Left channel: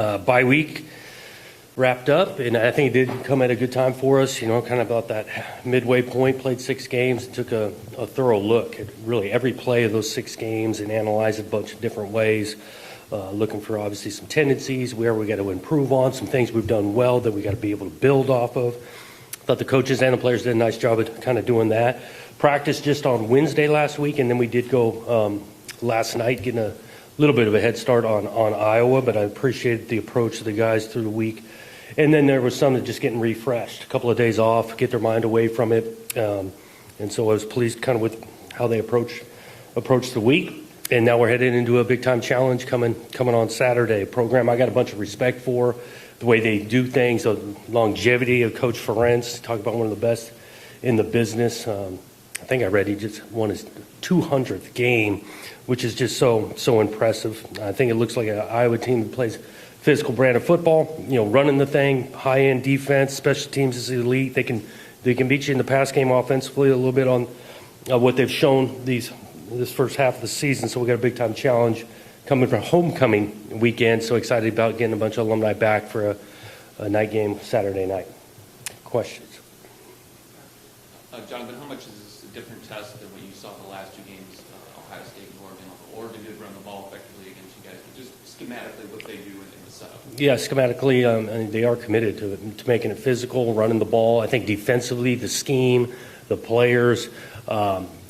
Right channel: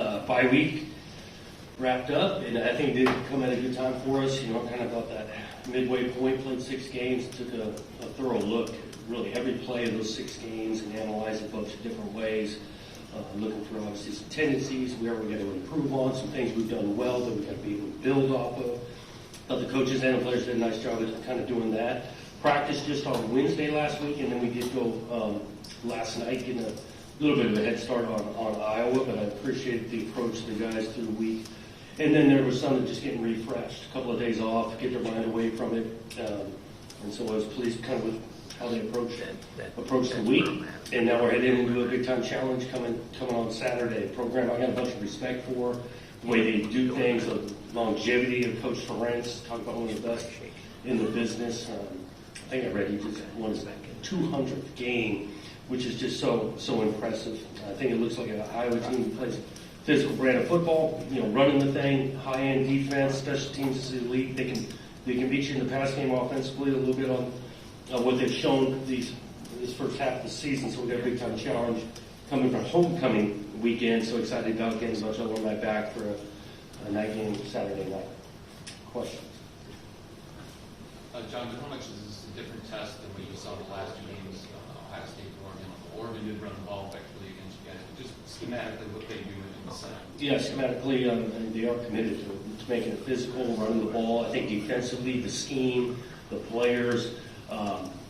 Bye week wrapped up, and I think it did come at a good time for us, kind of about that midway point. Played 6 games, took a thorough look at really every play of those 6 games and analyzed it a bunch of different ways, looking for obviously some tendencies, where we got to improve on, some things we've done well that we got to be able to build off of. Thought the coaches and the players did a nice job at kind of doing that. Practice just on Wednesday last week, and then we did go last night, getting a little bit of a head start on Iowa, but I appreciated the approach of the guys through the week. And then there was some that just getting refreshed, a couple of days off, get their mind away from it. And so I was pleased kind of with how they approached the week. And now we're heading into a big-time challenge coming on Saturday, a program I got a bunch of respect for, the way they do things, the longevity of Coach Ferenc, talk about one of the best in the business. I think I read he just won his 200th game, which is just so impressive. I think it looks like an Iowa team that plays physical brand of football, running the thing, high-end defense, special teams is elite. They can beat you in the pass game offensively a little bit on what they've shown this first half of the season. So we got a big-time challenge coming from homecoming weekend. So excited about getting a bunch of alumni back for a night game Saturday night. Questions? Jonathan, how much is this a different test than when you saw the last 2 games, Ohio State and Oregon? Oregon did run the ball effectively against you guys, but just schematically what they do in the setup. Yeah, schematically, they are committed to making it physical, running the ball. I think defensively, the scheme, the players,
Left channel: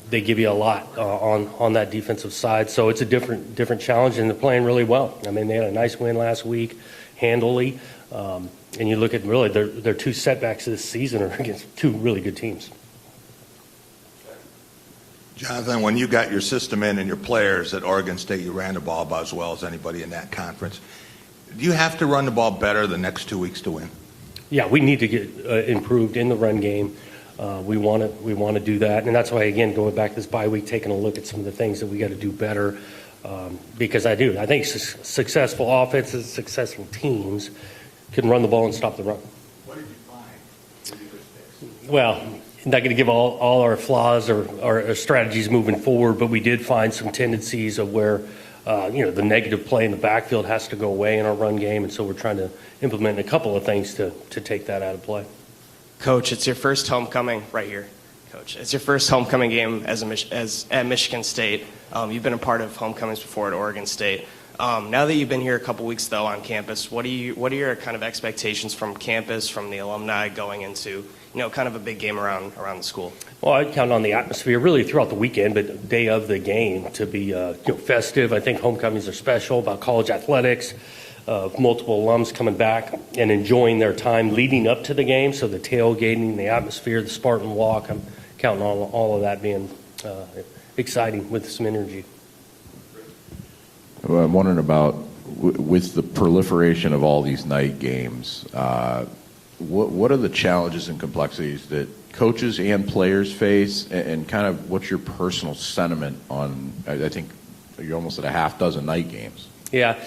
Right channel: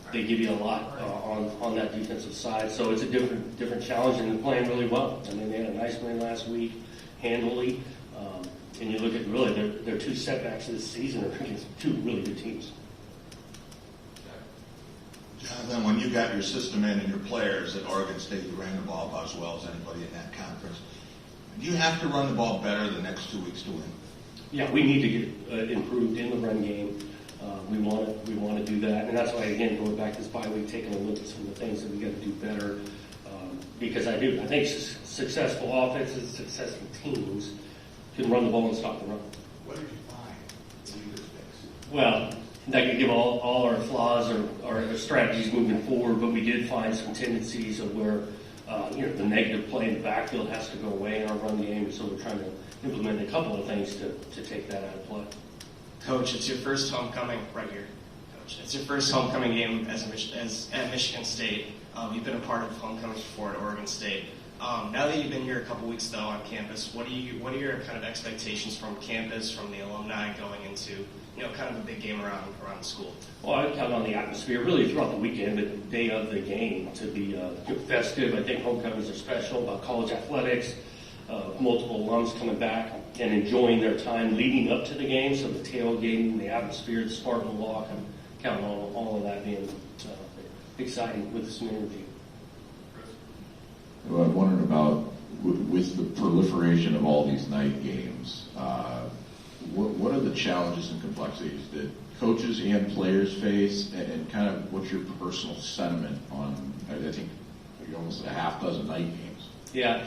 they give you a lot on that defensive side. So it's a different challenge, and they're playing really well. I mean, they had a nice win last week, handily. And you look at really their 2 setbacks this season are against 2 really good teams. Jonathan, when you got your system in and your players at Oregon State, you ran the ball about as well as anybody in that conference. Do you have to run the ball better the next 2 weeks to win? Yeah, we need to get improved in the run game. We want to do that, and that's why, again, going back to this bye week, taking a look at some of the things that we got to do better. Because I think successful offenses, successful teams can run the ball and stop the run. What did you find? Well, not going to give all our flaws or our strategies moving forward, but we did find some tendencies of where the negative play in the backfield has to go away in our run game, and so we're trying to implement a couple of things to take that out of play. Coach, it's your first homecoming right here. Coach, it's your first homecoming game as at Michigan State. You've been a part of homecomings before at Oregon State. Now that you've been here a couple weeks though on campus, what are your kind of expectations from campus, from the alumni going into kind of a big game around the school? Well, I count on the atmosphere really throughout the weekend, but the day of the game to be festive. I think homecomings are special about college athletics, multiple alums coming back and enjoying their time leading up to the game. So the tailgating, the atmosphere, the Spartan Walk, I'm counting on all of that being exciting with some energy. I'm wondering about, with the proliferation of all these night games, what are the challenges and complexities that coaches and players face, and kind of what's your personal sentiment on, I think you're almost at a half dozen night games. Yeah.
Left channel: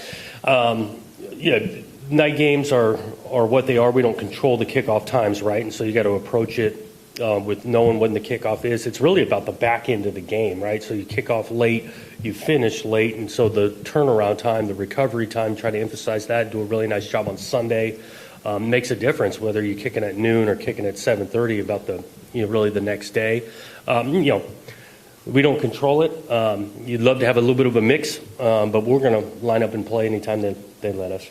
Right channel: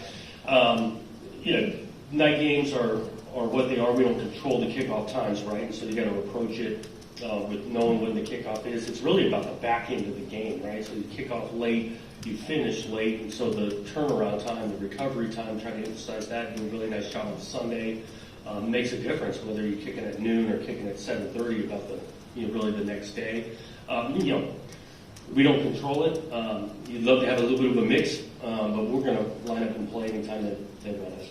Night games are what they are. We don't control the kickoff times, right? And so you got to approach it with knowing when the kickoff is. It's really about the back end of the game, right? So you kick off late, you finish late, and so the turnaround time, the recovery time, try to emphasize that, do a really nice job on Sunday. Makes a difference whether you're kicking at noon or kicking at 7:30 about really the next day. We don't control it. You'd love to have a little bit of a mix, but we're going to line up and play anytime that they let us.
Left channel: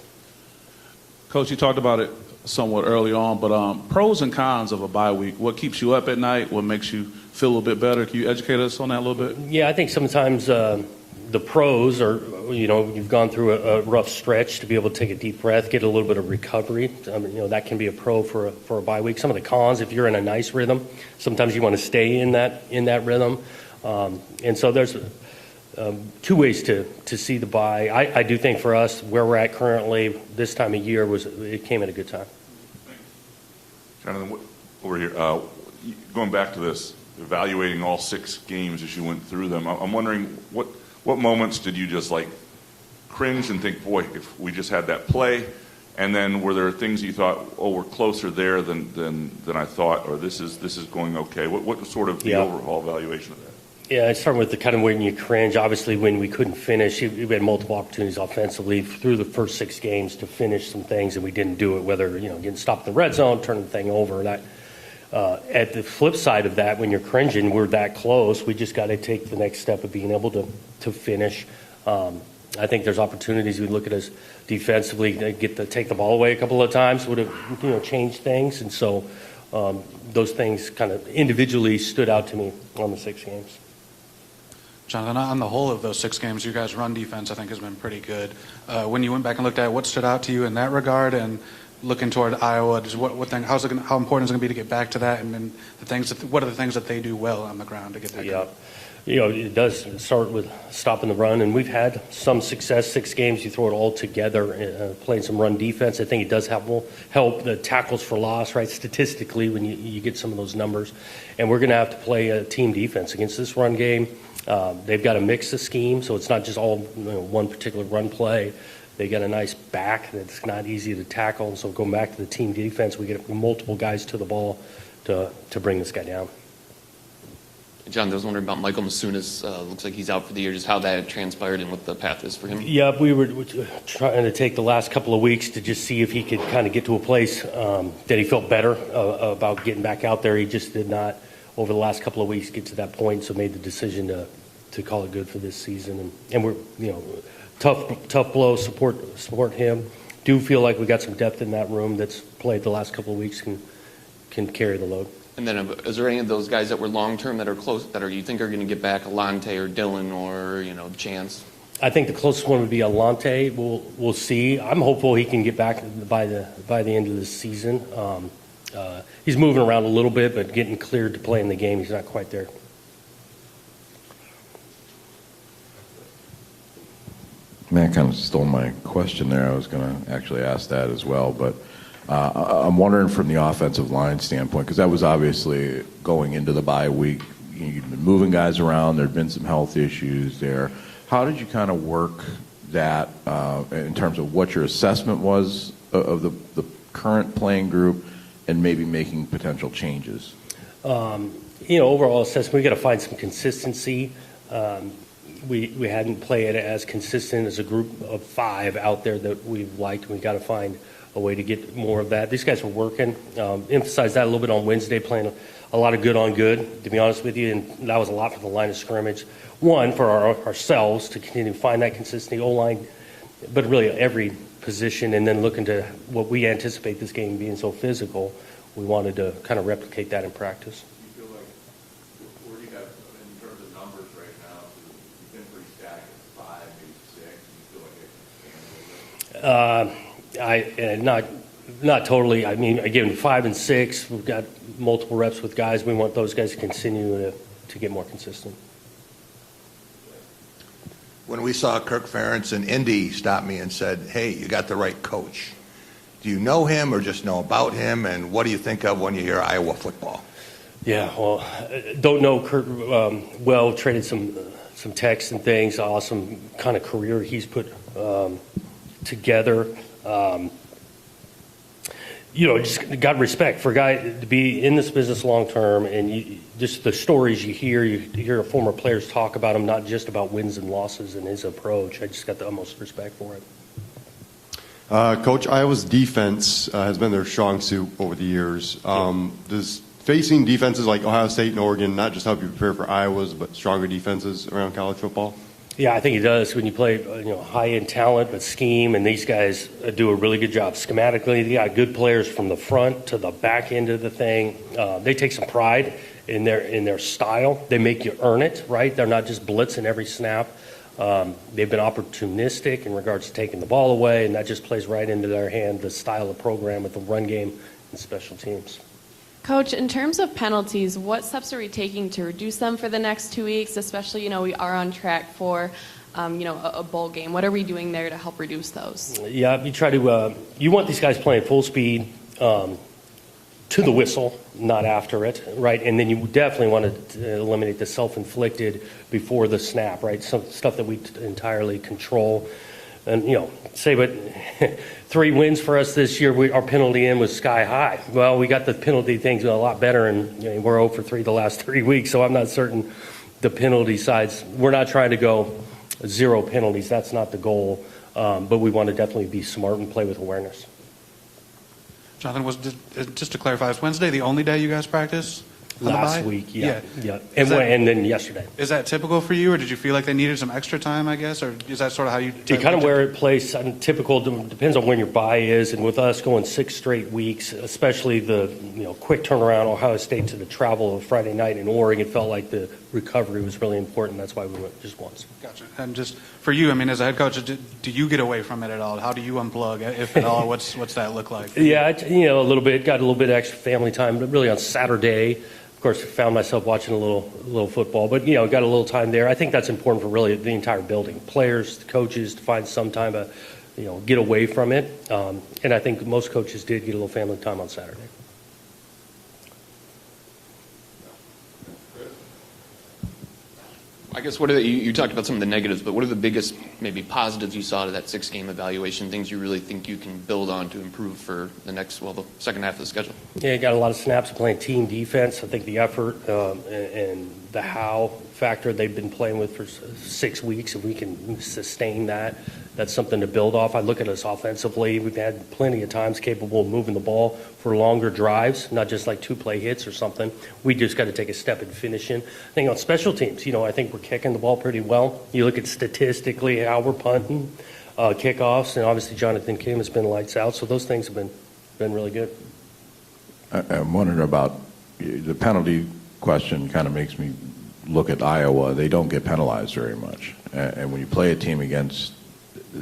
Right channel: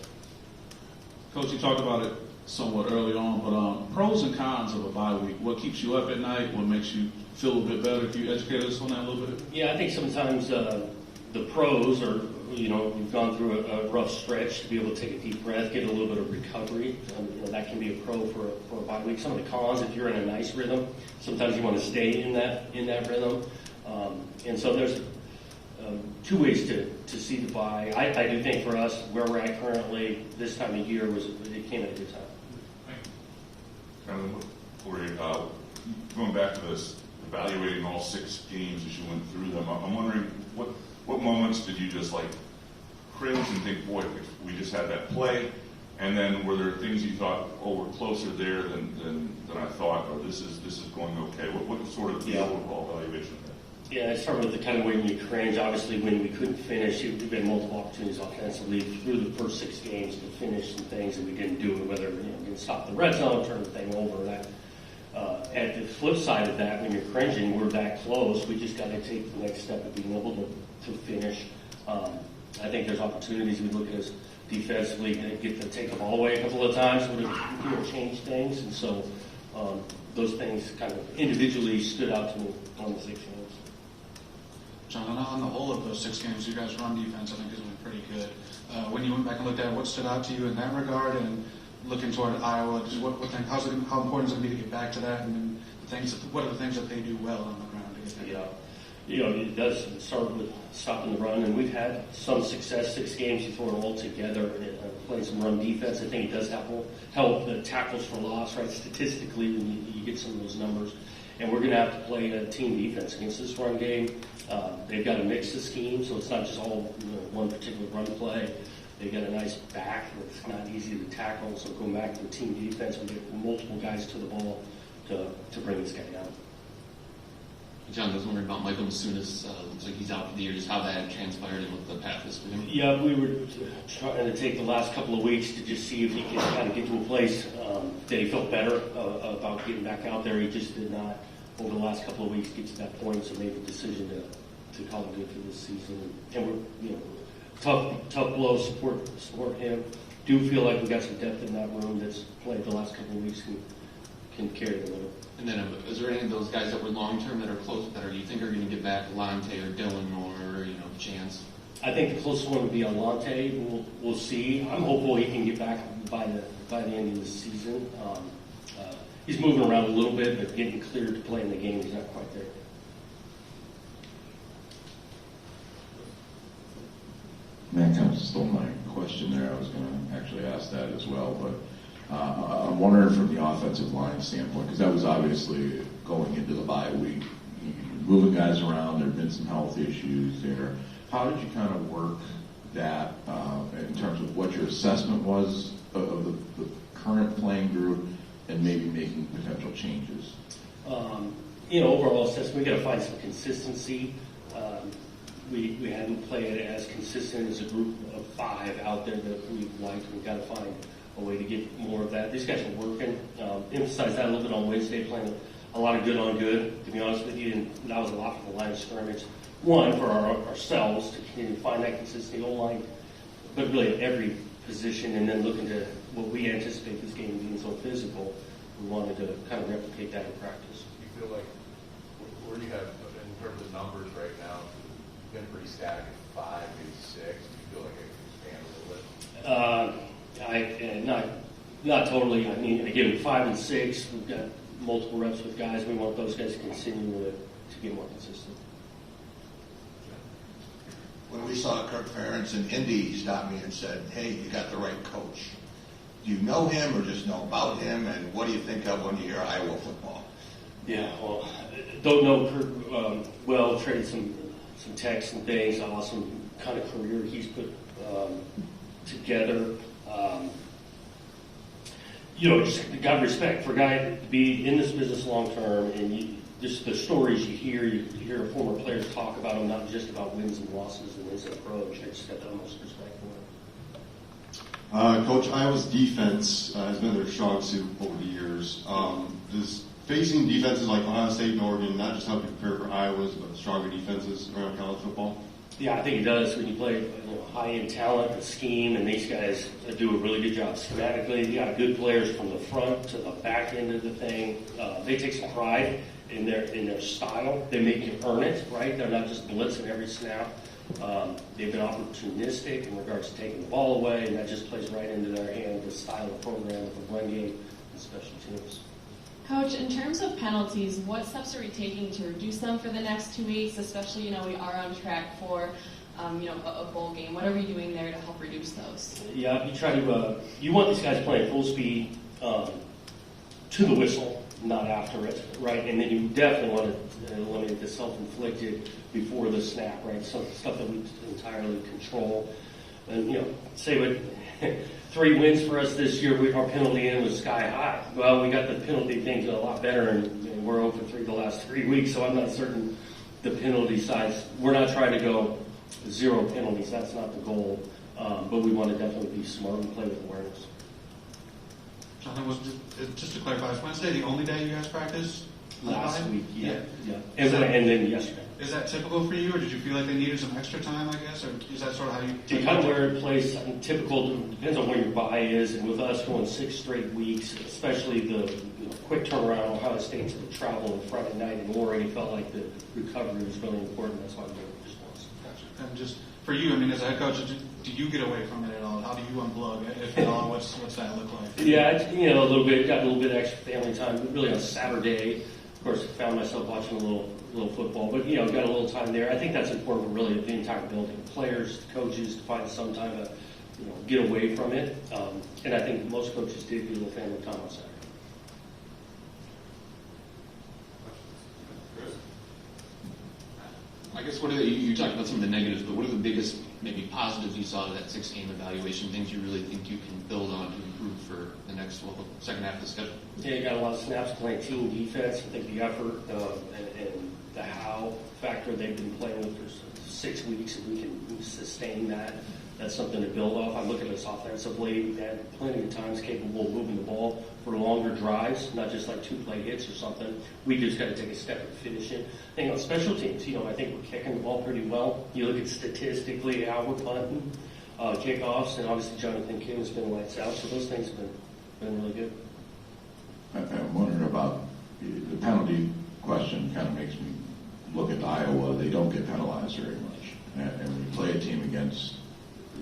Coach, you talked about it somewhat early on, but pros and cons of a bye week. What keeps you up at night? What makes you feel a little bit better? Can you educate us on that a little bit? Yeah, I think sometimes the pros are, you've gone through a rough stretch to be able to take a deep breath, get a little bit of recovery. That can be a pro for a bye week. Some of the cons, if you're in a nice rhythm, sometimes you want to stay in that rhythm. And so there's 2 ways to see the bye. I do think for us, where we're at currently, this time of year, it came at a good time. Jonathan, over here, going back to this, evaluating all 6 games as you went through them, I'm wondering what moments did you just cringe and think, boy, if we just had that play? And then were there things you thought, oh, we're closer there than I thought, or this is going okay? What was sort of the overall evaluation of that? Yeah, I start with the kind of when you cringe. Obviously, when we couldn't finish, we had multiple opportunities offensively through the first 6 games to finish some things, and we didn't do it. Whether getting stopped in the red zone, turning the thing over. That at the flip side of that, when you're cringing, we're that close. We just got to take the next step of being able to finish. I think there's opportunities. We look at us defensively, get to take the ball away a couple of times would have changed things, and so those things kind of individually stood out to me on the 6 games. Jonathan, on the whole of those 6 games, you guys' run defense, I think, has been pretty good. When you went back and looked at it, what stood out to you in that regard? And looking toward Iowa, just how important is it going to be to get back to that? And then what are the things that they do well on the ground to get that? Yeah, it does start with stopping the run, and we've had some success. 6 games, you throw it all together, playing some run defense. I think it does help the tackles for loss, right? Statistically, when you get some of those numbers, and we're going to have to play a team defense against this run game. They've got a mix of schemes, so it's not just all one particular run play. They got a nice back that's not easy to tackle. So going back to the team defense, we get multiple guys to the ball to bring this guy down. John, I was wondering about Michael Masunas. Looks like he's out for the year. Just how that transpired and what the path is for him. Yeah, we were trying to take the last couple of weeks to just see if he could kind of get to a place that he felt better about getting back out there. He just did not, over the last couple of weeks, get to that point, so made the decision to call it good for this season. And we're, tough blow, support him. Do feel like we got some depth in that room that's played the last couple of weeks, can carry the load. And then, is there any of those guys that were long-term that are close, you think are going to get back, Alante or Dylan or, Chance? I think the closest one would be Alante. We'll see. I'm hopeful he can get back by the end of the season. He's moving around a little bit, but getting cleared to play in the game, he's not quite there. Matt kind of stole my question there. I was going to actually ask that as well, but I'm wondering from the offensive line standpoint, because that was obviously going into the bye week. You've been moving guys around. There have been some health issues there. How did you kind of work that in terms of what your assessment was of the current playing group and maybe making potential changes? Overall assessment, we got to find some consistency. We hadn't played as consistent as a group of 5 out there that we liked. We got to find a way to get more of that. These guys were working. Emphasized that a little bit on Wednesday, playing a lot of good on good, to be honest with you, and that was a lot for the line of scrimmage. One, for ourselves to continue to find that consistency, O-line, but really every position, and then looking to what we anticipate this game being so physical, we wanted to kind of replicate that in practice. Do you feel like where you have, in terms of numbers right now, you've been pretty static at 5, maybe 6. Do you feel like it can expand a little bit? Not totally. I mean, again, 5 and 6, we've got multiple reps with guys. We want those guys to continue to get more consistent. When we saw Kirk Ferentz in Indy stop me and said, hey, you got the right coach. Do you know him or just know about him? And what do you think of when you hear Iowa football? Yeah, well, don't know Kurt well, traded some texts and things, awesome kind of career he's put together. Just got respect for a guy to be in this business long term, and just the stories you hear former players talk about him, not just about wins and losses and his approach. I just got the utmost respect for it. Coach, Iowa's defense has been their strong suit over the years. Does facing defenses like Ohio State and Oregon not just help you prepare for Iowa's, but stronger defenses around college football? Yeah, I think it does. When you play, high-end talent, but scheme, and these guys do a really good job schematically. They got good players from the front to the back end of the thing. They take some pride in their style. They make you earn it, right? They're not just blitzing every snap. They've been opportunistic in regards to taking the ball away, and that just plays right into their hand, the style of program with the run game and special teams. Coach, in terms of penalties, what steps are we taking to reduce them for the next 2 weeks? Especially, we are on track for, a bowl game. What are we doing there to help reduce those? Yeah, you try to. You want these guys playing full speed to the whistle, not after it, right? And then you definitely want to eliminate the self-inflicted before the snap, right? Some stuff that we entirely control. And, say what 3 wins for us this year, our penalty in was sky high. Well, we got the penalty things a lot better, and we're 0 for 3 the last 3 weeks, so I'm not certain the penalty sides. We're not trying to go 0 penalties. That's not the goal. But we want to definitely be smart and play with awareness. Jonathan, just to clarify, is Wednesday the only day you guys practice? Last week, yeah. And then yesterday. Is that typical for you, or did you feel like they needed some extra time, I guess, or is that sort of how you? It kind of where it plays. Typical depends on when your bye is, and with us going 6 straight weeks, especially the quick turnaround Ohio State to the travel of Friday night in Oregon, it felt like the recovery was really important. That's why we went just once. Gotcha. And just for you, I mean, as a head coach, do you get away from it at all? How do you unplug, if at all? What's that look like? Yeah, a little bit. Got a little bit extra family time, but really on Saturday. Of course, found myself watching a little football, but got a little time there. I think that's important for really the entire building, players, coaches, to find some time to, get away from it. And I think most coaches did get a little family time on Saturday. I guess what are you talked about some of the negatives, but what are the biggest maybe positives you saw to that 6-game evaluation? Things you really think you can build on to improve for the second half of the schedule? Yeah, got a lot of snaps playing team defense. I think the effort and the how factor they've been playing with for 6 weeks, and we can sustain that. That's something to build off. I look at us offensively. We've had plenty of times capable of moving the ball for longer drives, not just like 2-play hits or something. We just got to take a step in finishing. I think on special teams, I think we're kicking the ball pretty well. You look at statistically how we're punting, kickoffs, and obviously Jonathan Kim has been lights out. So those things have been really good. I'm wondering about the penalty question. Kind of makes me look at Iowa. They don't get penalized very much, and when you play against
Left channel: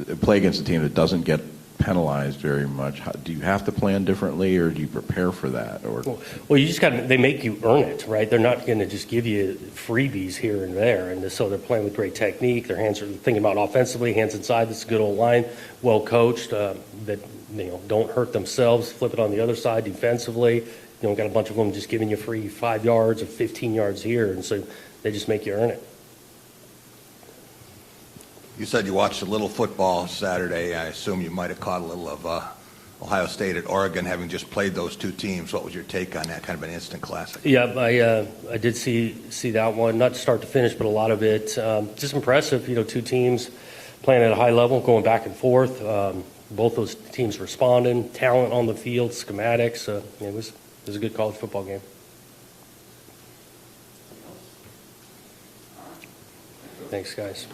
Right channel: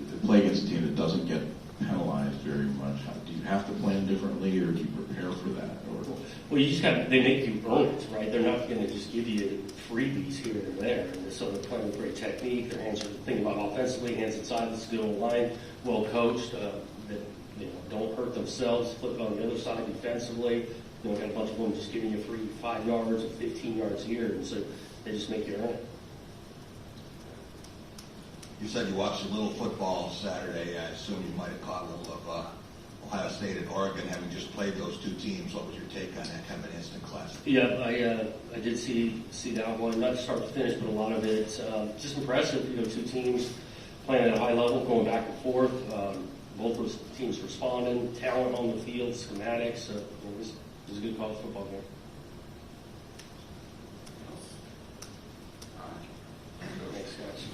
a team that doesn't get penalized very much, do you have to plan differently, or do you prepare for that? Or well, you just they make you earn it, right? They're not going to just give you freebies here and there, and so they're playing with great technique. Their hands are thinking about offensively, hands inside. This is a good old line, well coached. That don't hurt themselves. Flip it on the other side defensively. Got a bunch of them just giving you free 5 yards or 15 yards here, and so they just make you earn it. You said you watched a little football Saturday. I assume you might have caught a little of Ohio State at Oregon, having just played those 2 teams. What was your take on that? Kind of an instant classic. Yeah, I did see that one, not start to finish, but a lot of it. Just impressive, 2 teams playing at a high level, going back and forth. Both those teams responding, talent on the field, schematics. It was a good college football game. Thanks, guys.